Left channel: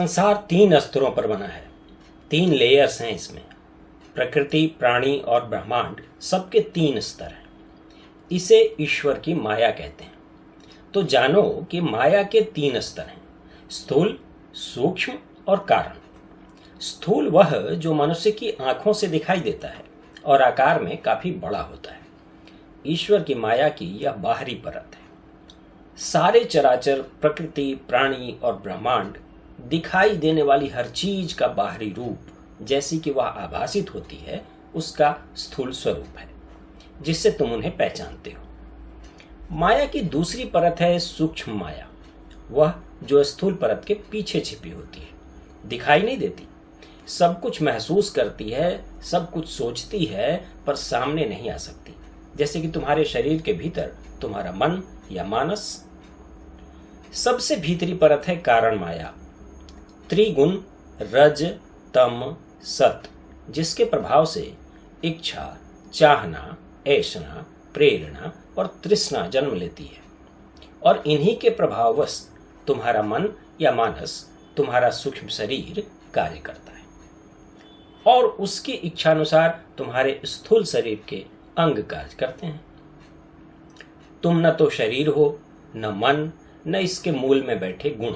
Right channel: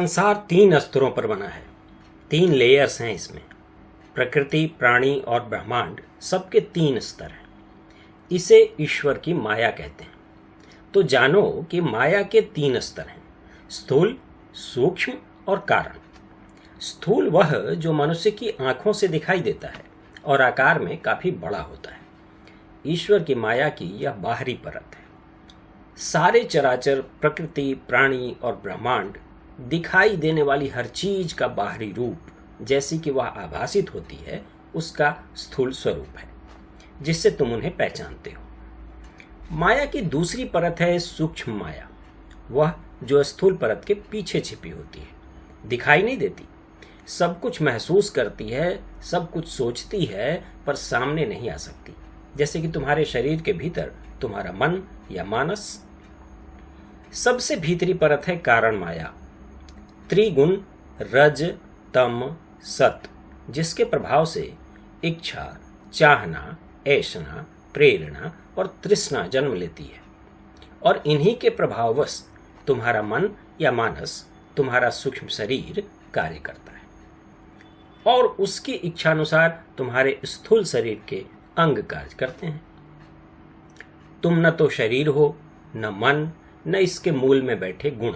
संसार 3 स्तरों पर बना है। 3 लेयर्स हैं इसमें। प्रकृति, प्राणी और ब्रह्मांड सबके 3 स्तर हैं। इसे ईश्वर की माया कहते हैं। तो जानो कि माया के 3 स्तर हैं: स्थूल, सूक्ष्म और कारण। स्थूल वह जो मनुष्य की आंखों से दिखाई देता है और आकार में काफी बड़ा होता है। ईश्वर की माया की यह बाहरी परत है। सारे चराचर, प्रकृति, प्राणी और ब्रह्मांड, दिखाई देने वाली हर चीज का बाहरी रूप जैसी कि वह आभासित होती है, उसका स्थूल स्वरूप है, जिससे तुम उन्हें पहचानते हो। माया की दूसरी परत है सूक्ष्म माया, वह जो स्थूल परत के पीछे छिपी होती है, दिखाई नहीं देती, सब कुछ महसूस करती है, सब कुछ सोचती है, पर सामने नहीं आ सकती। जैसे कि तुम्हारे शरीर के भीतर तुम्हारा मन या मानस। सबसे भीतरी परत है कारण माया, त्रिगुण रज, तम, सत, जिसके प्रभाव से इच्छा, चाहना, ऐषणा, प्रेरणा और तृष्णा जन्म लेती है। और इन्हीं के प्रभाववश तुम्हारा मन या मानस, तुम्हारा सूक्ष्म शरीर कार्य करता है और उसकी इच्छानुसार तुम्हारे स्थूल शरीर के अंग कार्य करते हैं। तुम न तो शरीर हो, न मन, न इसके मूल में बैठे गुण।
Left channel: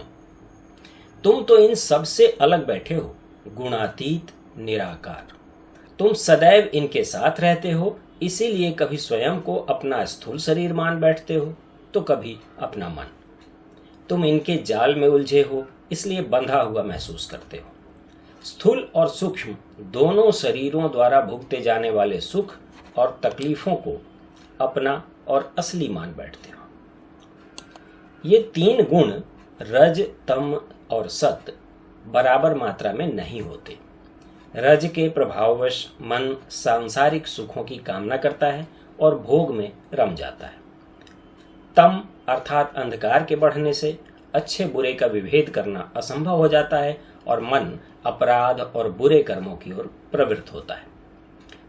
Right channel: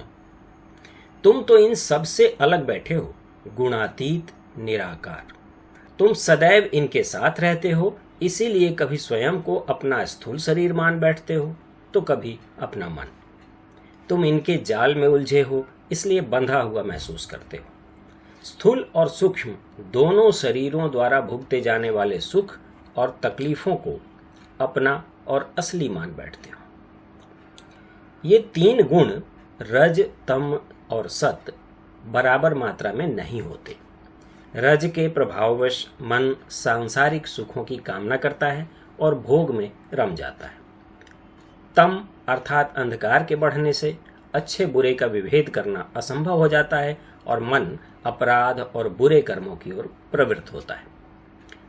तुम तो इन सब से अलग बैठे हो, गुणातीत, निराकार। तुम सदैव इनके साथ रहते हो, इसीलिए कभी स्वयं को अपना स्थूल शरीर मान बैठते हो तो कभी अपना मन। तुम इनके जाल में उलझे हो, इसलिए बंधा हुआ महसूस करते हो। स्थूल और सूक्ष्म दोनों शरीरों द्वारा भुगते जाने वाले सुख और तकलीफों को अपना और असली मान बैठते हो। ये 3 गुण रज, तम और सत बराबर मात्रा में नहीं होते। रज के प्रभाववश मन सांसारिक सुखों की कामना करता है और भोग में रम जाता है। तम अर्थात अंधकार के बढ़ने से अच्छे बुरे का विभेद करना असंभव हो जाता है और मन अपराध और बुरे कर्मों की ओर प्रवृत्त होता है।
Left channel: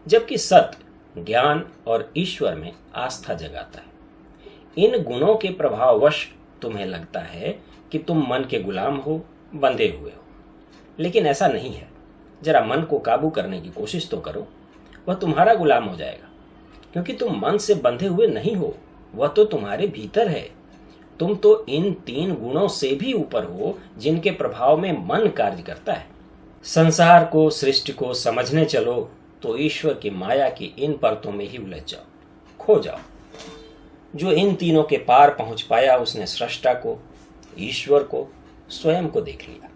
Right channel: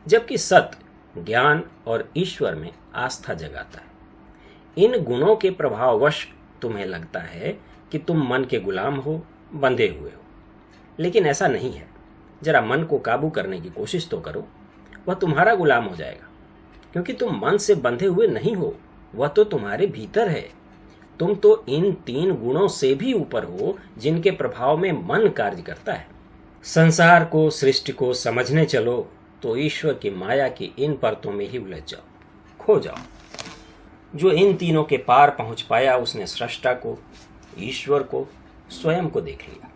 जबकि सत ज्ञान और ईश्वर में आस्था जगाता है। इन गुणों के प्रभाववश तुम्हें लगता है कि तुम मन के गुलाम हो, बंधे हुए हो, लेकिन ऐसा नहीं है। जरा मन को काबू करने की कोशिश तो करो, वह तुम्हारा गुलाम हो जाएगा, क्योंकि तुम मन से बंधे हुए नहीं हो, वह तो तुम्हारे भीतर है। तुम तो इन 3 गुणों से भी ऊपर हो, जिनके प्रभाव में मन कार्य करता है। संसार को, सृष्टि को समझने चलो तो ईश्वर की माया की इन परतों में ही उलझ जाओ, खो जाओ। जो इन तीनों के पार पहुंच पाया, उसने सृष्टा को, ईश्वर को, स्वयं को देख लिया।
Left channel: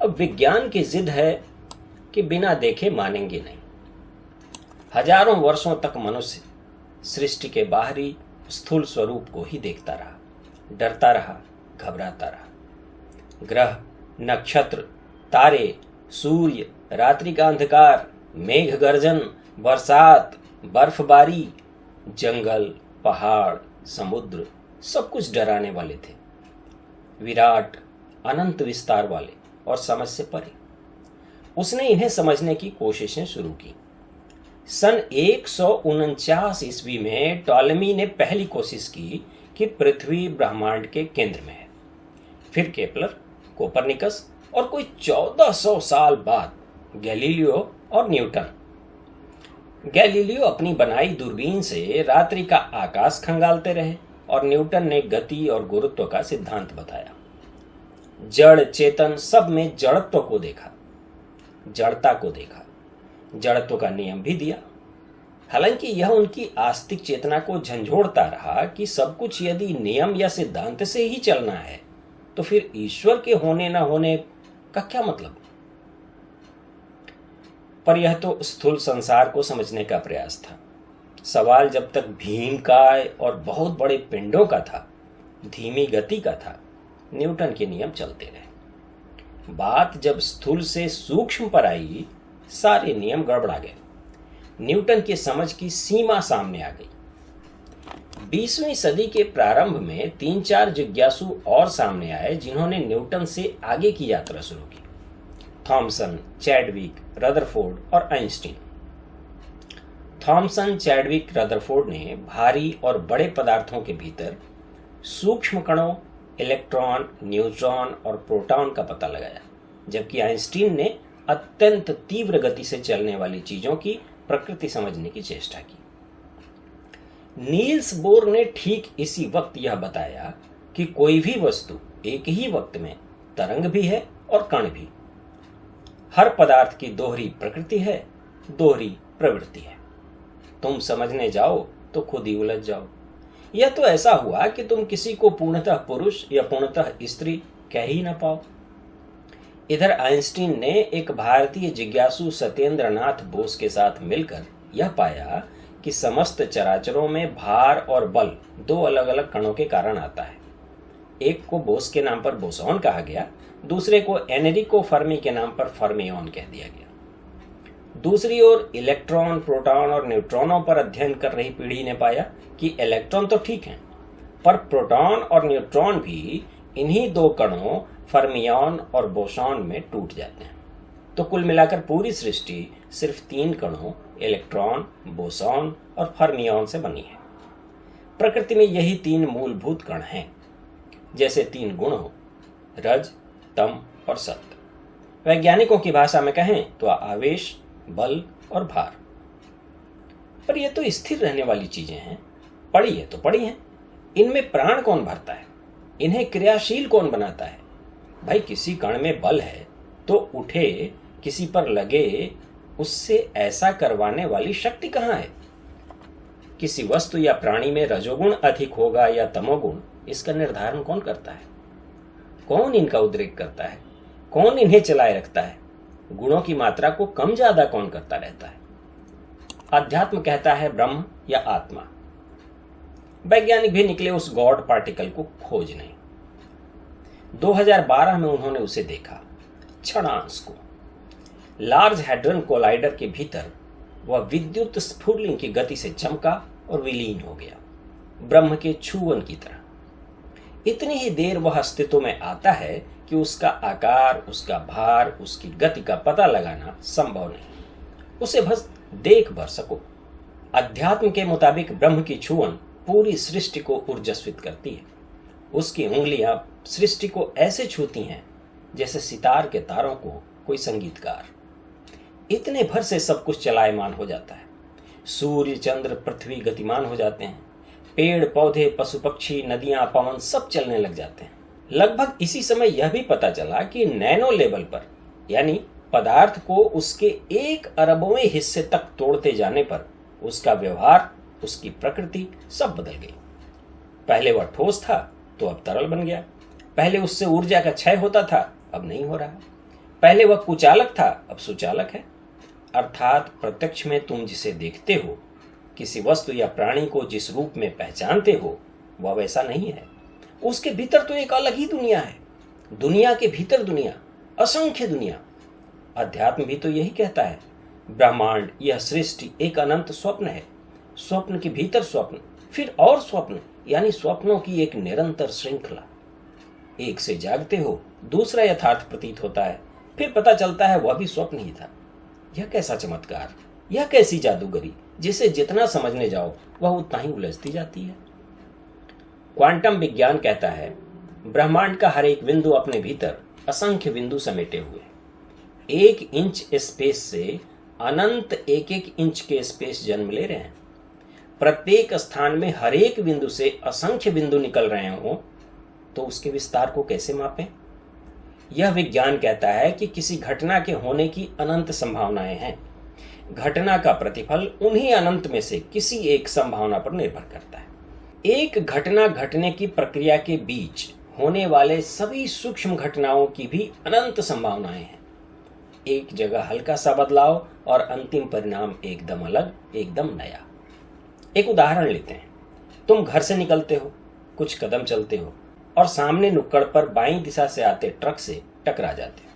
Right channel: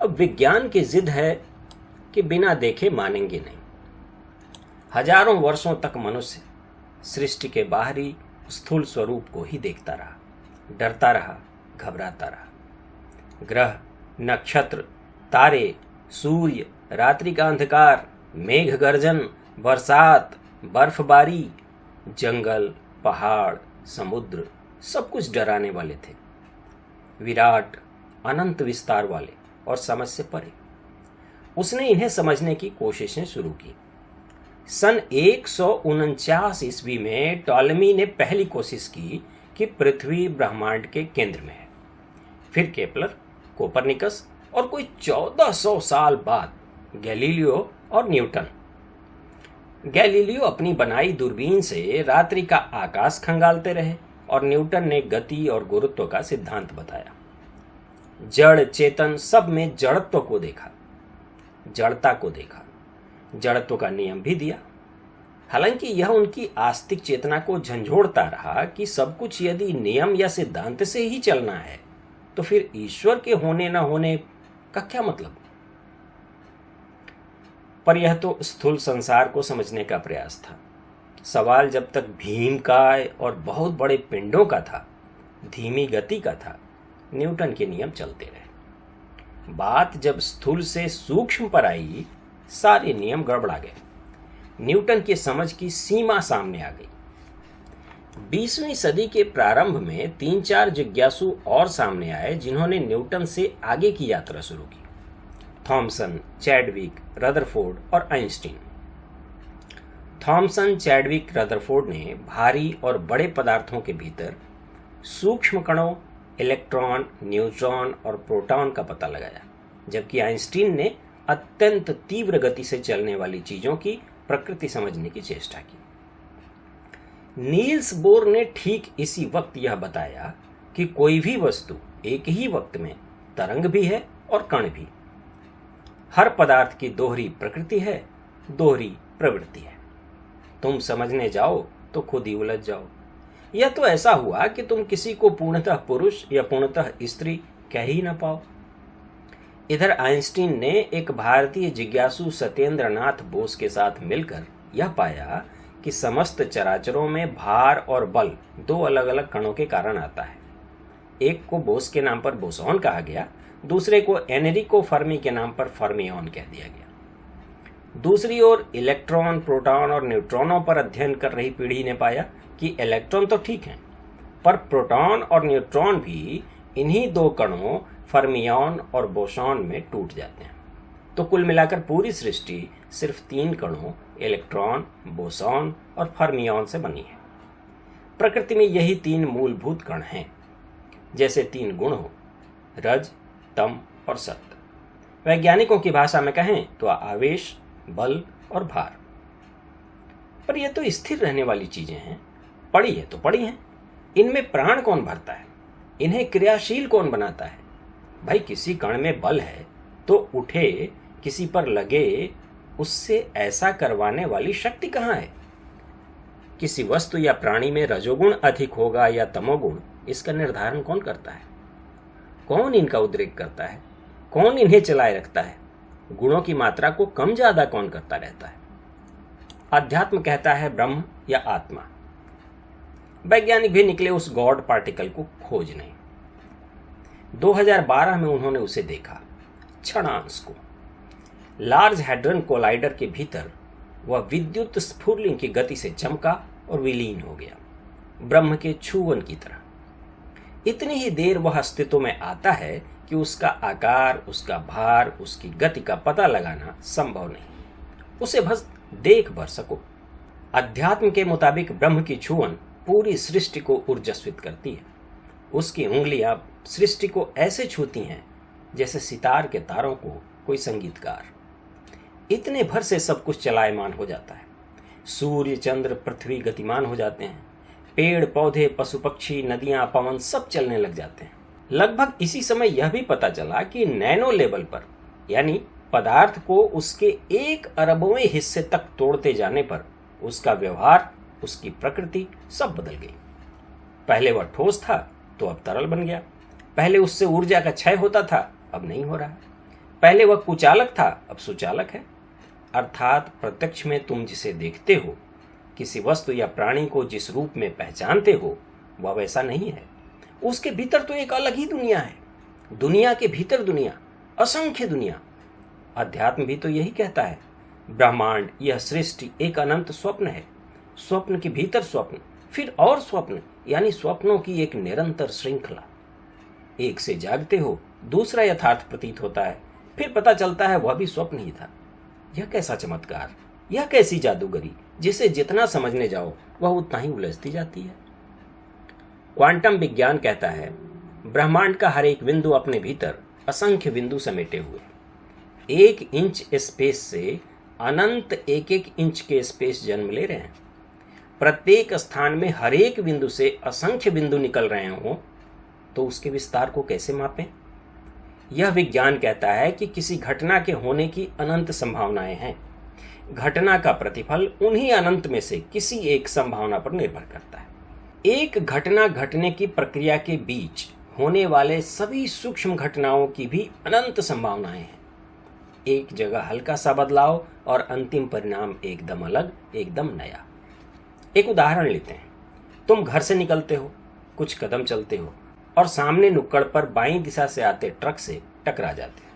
अब विज्ञान की जिद है कि बिना देखे मानेंगे नहीं। हजारों वर्षों तक मनुष्य सृष्टि के बाहरी स्थूल स्वरूप को ही देखता रहा, डरता रहा, घबराता रहा। ग्रह, नक्षत्र, तारे, सूर्य, रात्रि का अंधकार, मेघ गर्जन, बरसात, बर्फबारी, जंगल, पहाड़, समुद्र, सब कुछ डराने वाले थे, विराट, अनंत विस्तार वाले और समझ से परे। उसने इन्हें समझने की कोशिशें शुरू की। सन 149 ईस्वी में टॉलेमी ने पहली कोशिश की कि पृथ्वी ब्रह्मांड के केंद्र में है। फिर केपलर, कोपरनिकस और कोई 1400 साल बाद गैलीलियो और न्यूटन। गैलीलियो अपनी बनाई दूरबीन से रात्रि का आकाश खंगालते रहे और न्यूटन ने गति और गुरुत्व का सिद्धांत बताया। जड़ चेतन सब में जड़त्व को देखा, जड़ता को देखा, जड़त्व का नियम भी दिया। हालांकि यह उनकी आस्तिक चेतना को झंझोड़ता रहा कि सब कुछ यदि नियम या सिद्धांत से ही चलना है तो फिर ईश्वर के होने न होने का क्या मतलब। पर यह तो स्थूल संसार को समझने का प्रयास था। सवाल जब तक भीमकाय और बहुत बड़े पिंडों का था, धीमी गति का था, न्यूटन के नियम चलते रहे। बात जब स्थूल से सूक्ष्म पर आई, सारे नियम गड़बड़ा गए। न्यूटन की समझ की सीमा सामने आ गई। 20वीं सदी के प्रारंभ में 3-4 जिज्ञासु और सामने आए, जिन्होंने न्यूटन से आगे की यात्रा शुरू की। थॉमसन, चैडविक, रदरफोर्ड और आइंस्टीन। थॉमसन, चैडविक, रदरफोर्ड ने भारी और बड़े पदार्थों के भीतर सूक्ष्म कणों इलेक्ट्रॉन, न्यूट्रॉन और प्रोटॉन का पता लगाया, जबकि आइंस्टीन ने अत्यंत तीव्र गति से चलने वाली चीजों की प्रकृति समझने की चेष्टा की। नील्स बोर ने ठीक इसी वक्त यह बताया कि कोई भी वस्तु एक ही वक्त में तरंग भी है और कण भी। हर पदार्थ की दोहरी प्रकृति है, दोहरी प्रवृत्ति है। तुम समझने जाओ तो खुद ही उलझ जाओ। यह तो ऐसा हुआ कि तुम किसी को पूर्णतः पुरुष या पूर्णतः स्त्री कह ही ना पाओ। इधर आइंस्टीन ने एक भारतीय जिज्ञासु सत्येंद्र नाथ बोस के साथ मिलकर यह पाया कि समस्त चराचरों में भार और बल दो अलग अलग कणों के कारण आता है। एक को बोस के नाम पर बोसॉन कहा गया, दूसरे को एनरिको फर्मी के नाम पर फर्मियॉन कह दिया गया। दूसरी ओर इलेक्ट्रॉन, प्रोटॉन और न्यूट्रॉनों पर अध्ययन कर रही पीढ़ी ने पाया कि इलेक्ट्रॉन तो ठीक हैं, पर प्रोटॉन और न्यूट्रॉन भी इन्हीं दो कणों फर्मियॉन और बोसॉन में टूट जाते हैं। तो कुल मिलाकर पूरी सृष्टि सिर्फ तीन कणों इलेक्ट्रॉन, बोसॉन और फर्मियॉन से बनी है। प्रकृति में यही तीन मूलभूत कण हैं, जैसे तीन गुण हो, रज, तम और सत्व। वैज्ञानिकों की भाषा में कहें तो आवेश, बल और भार। पर यह तो स्थिर रहने वाली चीजें हैं, पड़ी है तो पड़ी हैं। इनमें प्राण कौन भरता है? इन्हें क्रियाशील कौन बनाता है? भाई, किसी कण में बल है तो उठे, किसी पर लगे, उससे ऐसा करवाने वाली शक्ति कहाँ है? किसी वस्तु या प्राणी में रजोगुण अधिक होगा या तमोगुण, इसका निर्धारण कौन करता है? कौन इनका उद्रेक करता है? कौन इन्हें चलाए रखता है? गुणों की मात्रा को कम ज्यादा कौन करता रहता है? अध्यात्म कहता है ब्रह्म या आत्मा। वैज्ञानिक भी निकले उस गॉड पार्टिकल को खोजने। 2012 में उन्होंने उसे देखा, क्षणांश को। लार्ज हैड्रन कोलाइडर के भीतर वह विद्युत स्फुरलिंग की गति से चमका और विलीन हो गया, ब्रह्म के छुवन की तरह। इतनी ही देर वह अस्तित्व में आता है कि उसका आकार, उसका भार, उसकी गति का पता लगाना संभव नहीं, उसे बस देख भर सको। अध्यात्म के मुताबिक ब्रह्म की छुवन पूरी सृष्टि को ऊर्जस्वित करती है। उसकी उंगलियां सृष्टि को ऐसे छूती हैं जैसे सितार के तारों को कोई संगीतकार। इतने भर से सब कुछ चलायमान हो जाता है। सूर्य, चंद्र, पृथ्वी गतिमान हो जाते हैं। पेड़ पौधे, पशु पक्षी, नदियां, पवन सब चलने लग जाते हैं। लगभग इसी समय यह भी पता चला कि नैनो लेवल पर, यानी पदार्थ को उसके 1 अरबवें हिस्से तक तोड़ते जाने पर उसका व्यवहार, उसकी प्रकृति सब बदल गई। पहले वह ठोस था तो अब तरल बन गया। पहले उससे ऊर्जा का क्षय होता था, अब नहीं हो रहा। पहले वह कुचालक था, अब सुचालक है। अर्थात प्रत्यक्ष में तुम जिसे देखते हो, किसी वस्तु या प्राणी को जिस रूप में पहचानते हो, वह वैसा नहीं है। उसके भीतर तो एक अलग ही दुनिया है। दुनिया के भीतर दुनिया, असंख्य दुनिया। अध्यात्म भी तो यही कहता है। ब्रह्मांड, यह सृष्टि एक अनंत स्वप्न है। स्वप्न के भीतर स्वप्न, फिर और स्वप्न, यानी स्वप्नों की एक निरंतर श्रृंखला। एक से जागते हो, दूसरा यथार्थ प्रतीत होता है, फिर पता चलता है वह भी स्वप्न ही था। यह कैसा चमत्कार, यह कैसी जादूगरी, जिसे जितना समझने जाओ वह उतना ही उलझती जाती है। क्वांटम विज्ञान कहता है ब्रह्मांड का हर एक बिंदु अपने भीतर असंख्य बिंदु समेटे हुए। 1 इंच स्पेस से अनंत 1-1 इंच के स्पेस जन्म ले रहे हैं। प्रत्येक स्थान में हर एक बिंदु से असंख्य बिंदु निकल रहे हों तो उसके विस्तार को कैसे मापें? यह विज्ञान कहता है कि किसी घटना के होने की अनंत संभावनाएं हैं। घटना का प्रतिफल उन्हीं अनंत में से किसी एक संभावना पर निर्भर करता है। एक घटना घटने की प्रक्रिया के बीच होने वाले सभी सूक्ष्म घटनाओं की भी अनंत संभावनाएं हैं। एक जगह हल्का सा बदलाव और अंतिम परिणाम एकदम अलग, एकदम नया। एक उदाहरण लेते हैं। तुम घर से निकलते हो, कुछ कदम चलते हो और सामने नुक्कड़ पर बाईं दिशा से आते ट्रक से टकरा जाते हो।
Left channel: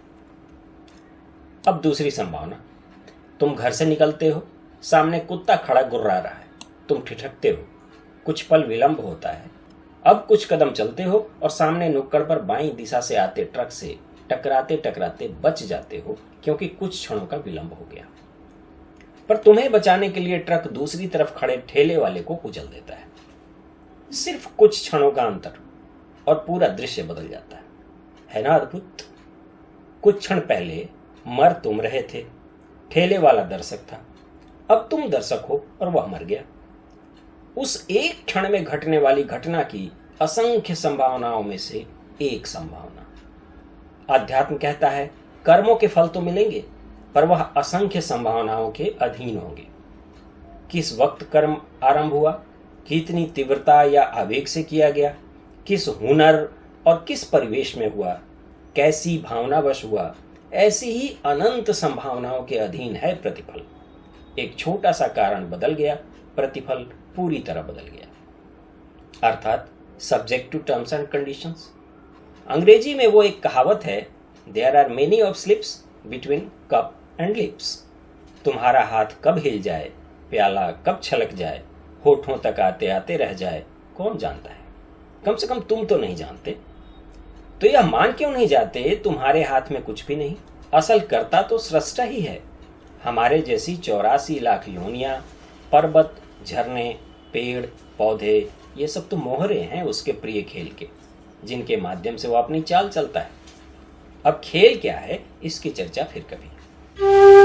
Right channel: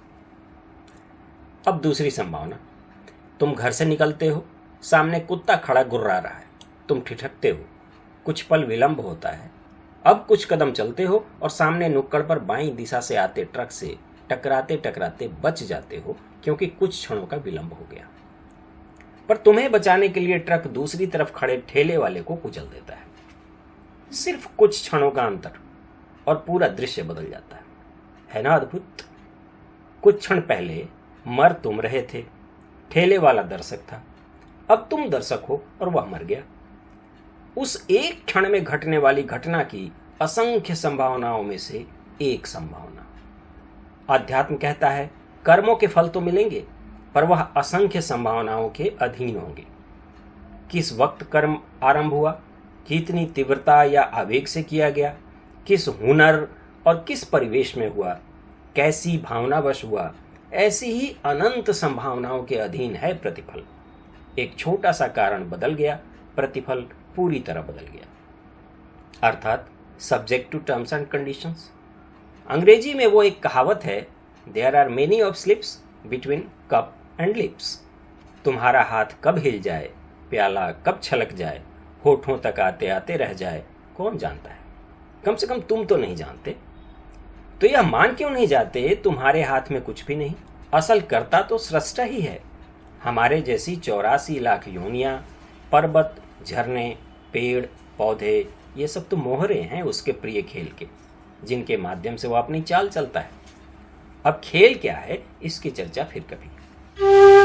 अब दूसरी संभावना, तुम घर से निकलते हो, सामने कुत्ता खड़ा गुर्रा रहा है, तुम ठिठकते हो, कुछ पल विलंब होता है। अब कुछ कदम चलते हो और सामने नुक्कड़ पर बाईं दिशा से आते ट्रक से टकराते टकराते बच जाते हो, क्योंकि कुछ क्षणों का विलंब हो गया। पर तुम्हें बचाने के लिए ट्रक दूसरी तरफ खड़े ठेले वाले को कुचल देता है। सिर्फ कुछ क्षणों का अंतर, और पूरा दृश्य बदल जाता है ना अद्भुत? कुछ क्षण पहले मर तुम रहे थे, ठेले वाला दर्शक था, अब तुम दर्शक हो और वह मर गया। उस एक क्षण में घटने वाली घटना की असंख्य संभावनाओं में से एक संभावना। अध्यात्म कहता है कर्मों के फल तो मिलेंगे, पर वह असंख्य संभावनाओं के अधीन होंगे। किस वक्त कर्म आरंभ हुआ, कितनी तीव्रता या आवेग से किया गया, किस हुनर और किस परिवेश में हुआ, कैसी भावनावश हुआ, ऐसी ही अनंत संभावनाओं के अधीन है प्रतिफल। एक छोटा सा कारण बदल गया, प्रतिफल पूरी तरह बदल गया। अर्थात subject to terms and conditions. अंग्रेजी में वो एक कहावत है, there are many of slips between cup and lips. तुम्हारा हाथ कब हिल जाए, प्याला कब छलक जाए, होठों तक आते आते रह जाए, कौन जानता है? कम से कम तुम तो नहीं जानते। तो यह मान क्यों नहीं जाते तुम्हारे हाथ में कुछ भी नहीं? असल कर्ता तो सृष्टा ही है। हमारे जैसी 84 लाख योनियां, पर्वत, झरने, पेड़, पौधे, ये सब तो मोहरे हैं उसके प्रिय खेल के, जिनके माध्यम से वो अपनी चाल चलता है। अब खेल क्या है, इसकी चर्चा फिर कभी।